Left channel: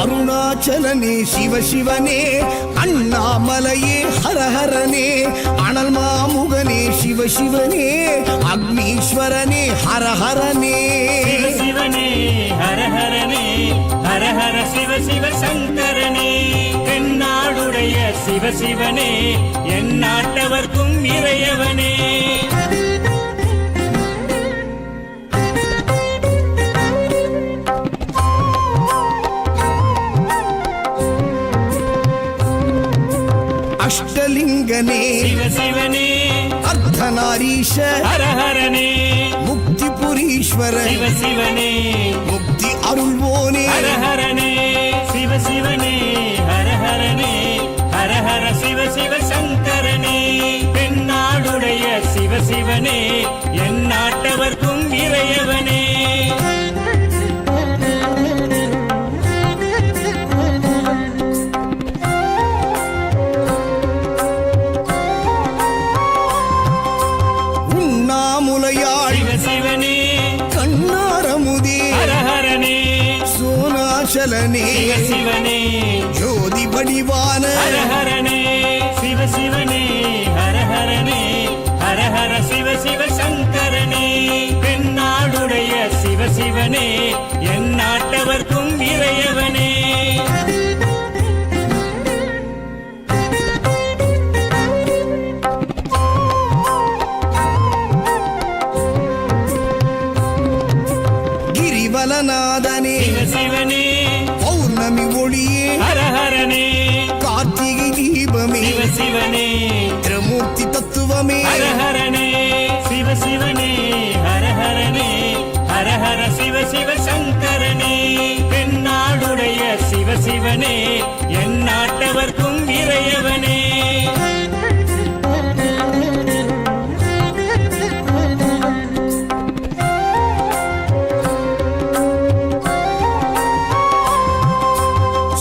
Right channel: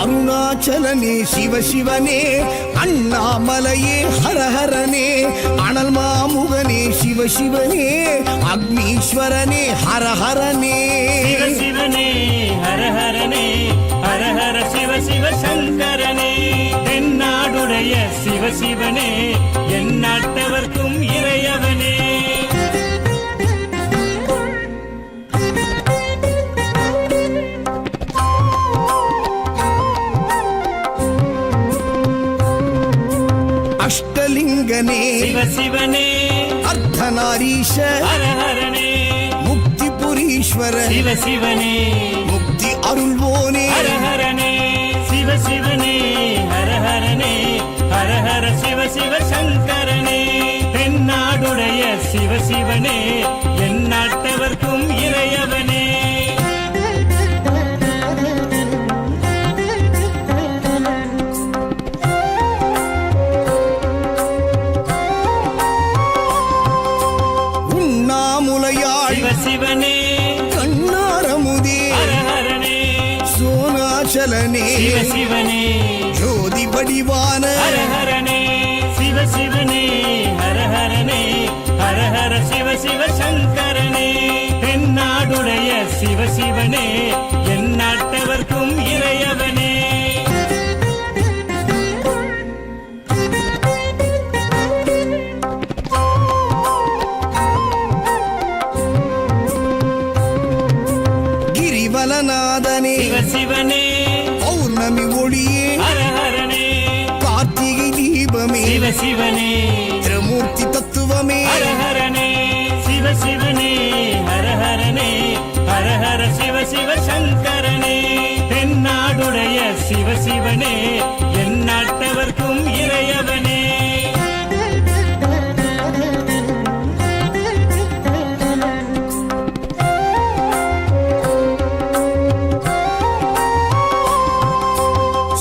அருணாச்சலனே சிவசிவனே, அண்ணாமலையே ஹரஹரனே, அனல் மாமுகனே சிவசிவனே, அக்னீஸ்வரனே ஹரஹரனே. சிவசிவனே ஹரஹரனே, ஹரஹர சிவ சிவ சங்கரனே, தென்னாடுடைய சிவசிவனே, என் நாட்டவர்க்கும் இறையவனே. அஷ்டலிங்கனே சிவசிவனே, அர்த்தநாரீஷ ஹரஹரனே, முக்திபுரீஸ்வர சிவசிவனே, முக்தி அருள்வோனே. ஹரஹரனே சிவசிவனே, ஹரஹரனே, ஹரஹர சிவ சிவ சங்கரனே, தென்னாடுடைய சிவசிவனே, என் நாட்டவர்க்கும் இறையவனே. உண்ணாமுலையாள் சிவசிவனே, கண்ணாரமுதே ஹரஹரனே, சோனாச்சலனே சிவசிவனே, ஜோதி வடிவான ஹரஹரனே சிவசிவனே, ஹரஹரனே, ஹரஹர சிவ சிவ சங்கரனே, தென்னாடுடைய சிவசிவனே, என் நாட்டவர்க்கும் இறையவனே. கிரிவலநாதனே சிவசிவனே, பௌர்ணமி ஒளியே ஹரஹரனே, கார்த்திகை தீபமே சிவசிவனே, திரமூர்த்தி தத்துவமே. ஹரஹரனே சிவசிவனே, ஹரஹரனே, ஹரஹர சிவ சிவ சங்கரனே, தென்னாடுடைய சிவசிவனே, என் நாட்டவர்க்கும் இறையவனே.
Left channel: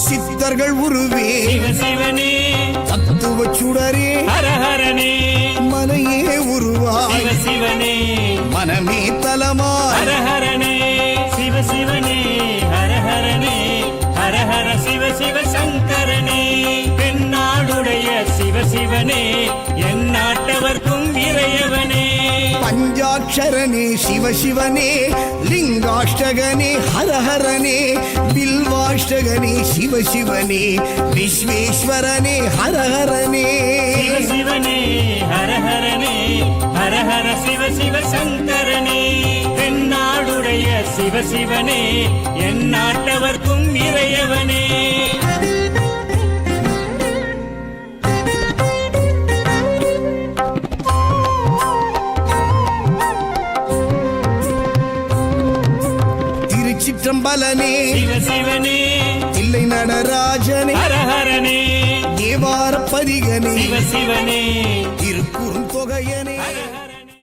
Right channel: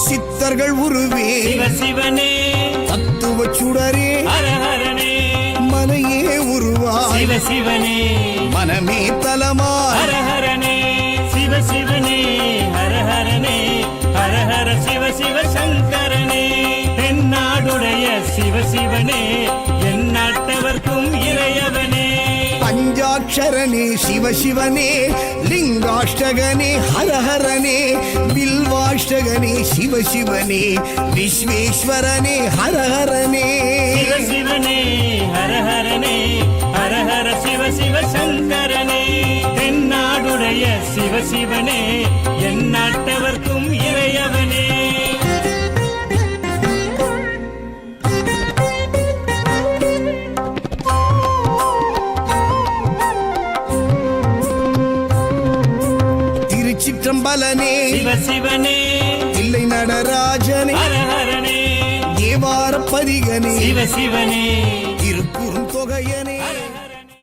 சித்தர்கள் உருவே சிவசிவனே, தத்துவ சுடரே ஹரஹரனே, மனையே உருவாய் சிவசிவனே, மனமே தலமாய். ஹரஹரனே சிவசிவனே, ஹரஹரனே, ஹரஹர சிவ சிவ சங்கரனே, தென்னாடுடைய சிவசிவனே, என் நாட்டவர்க்கும் இறையவனே. பஞ்சாட்சரனே சிவசிவனே, லிங்காஷ்டகனே ஹரஹரனே, பில்வாஷ்டகனே சிவசிவனே, விஸ்வேஸ்வரனே ஹரஹரனே. சிவசிவனே, ஹரஹரனே, ஹரஹர சிவ சிவ சங்கரனே, தென்னாடுடைய சிவசிவனே, என் நாட்டவர்க்கும் இறையவனே. திருச்சிற்றம்பலனே சிவசிவனே, தில்லை நடராஜனே, ஹரஹரனே, தேவார பதிகனே, சிவசிவனே, திருக்குறுந்தொகையனே.